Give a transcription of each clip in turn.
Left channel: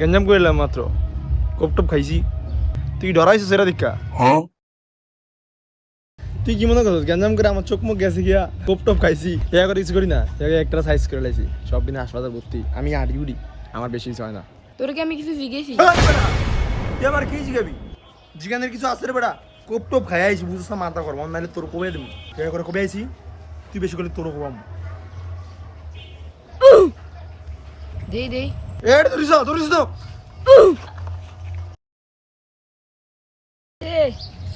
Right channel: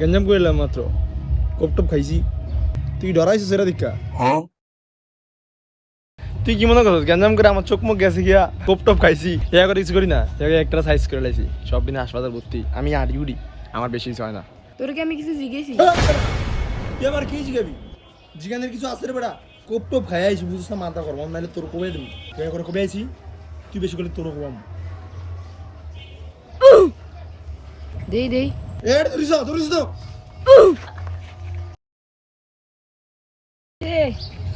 গেঞ্জাম করিলাম মাত্র। কোপ টপ খাইছি। তুই ডরাইছিস সেটা দীক্ষা তুই কি মনে করছিস গেঞ্জাম করে আমার চোখ মুখ গেছে গিয়া কোপ টপ খাইছি? এয়া করে কিছু করি না একটা সাইজ করে লাইছি। সব দিনে হাসপাতাল ভর্তি। আমি আড়ি উড়ি আমার বেশি কিছু হয় না। তোর কি আমি কিছু জিজ্ঞেসি তুই আবার কি জিগাবি জিগানের কিছু আছে রে বেটা। খাই আইছি বুঝছ না মাথা করব নাহলে তোর কবে দেবো। এয়া করে কবে আইছি তুই বেশি করলে তোর কবাম দেই দেই। এটা ধরিস তো ধরিস তো এ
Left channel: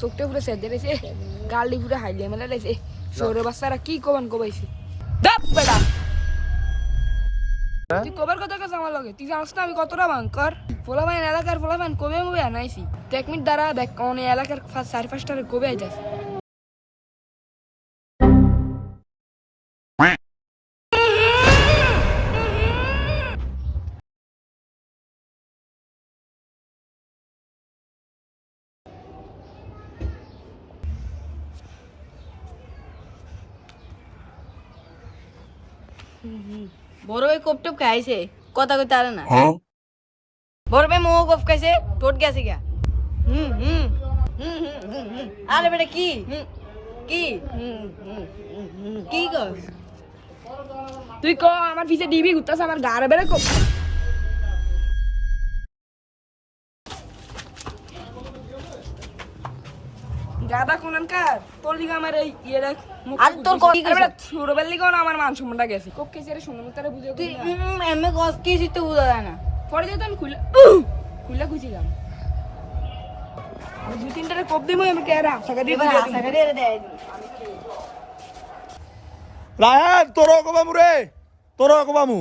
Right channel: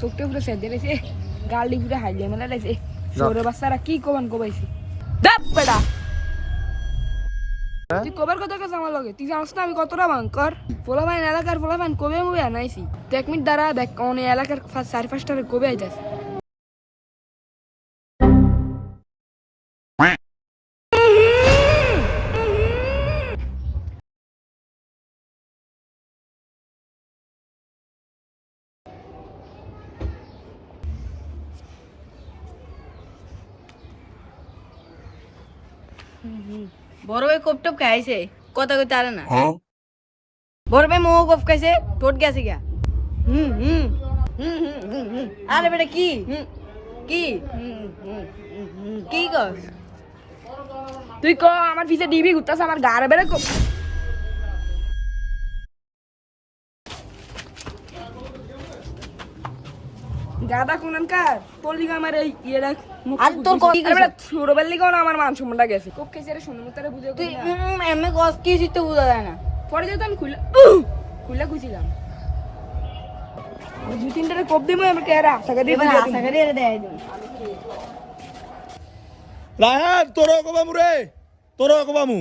চোখটা পুরো সেজে রয়েছে গালি পুরো হাইলে মেলা রয়েছে সৌরে বাচ্চারা কি কবান কবাইছে? তুই কবার কথা কাছে আমার লগে? তুই জানিস না আমি কতটা ভয়ঙ্কর পোলাপাইন এলাকার পোলাপাইন কবে মুবে আনাইছি। এক মিনিট দ্বারা দেখ এলাকার চারি পাঁচটার কবে আইতাছে। বড় ভাই কোপ টপ খাইছে কথা কইতে আরে না। বড় ভাই মোহ কোপ খাইছে টোট গেছে গা হুম হুম হুম হুম হুম হুম। আরে বেটা কি? কি? কি কস? তুই ক আমার পিছে ডিবি ঘুরতাছ আমার গাড়ে বেড়ে কোপ। গাদা কোনানকার তোর লিগা আমার এই ইয়েটা আর তোর? ছোটবেলা আমার মান সম্মানটা গেছে? বুঝে তুই এমএ কি বোঝা যায় না। পরে যেহেতু আমি খুলে খুলে খুঁজিলাম। দুই তিনটা কোপ দিমো আমাকে এরা আশা করি এবার আশা করি এটা দেয় দিন রায়হান কবামু রে। তোরও কবামু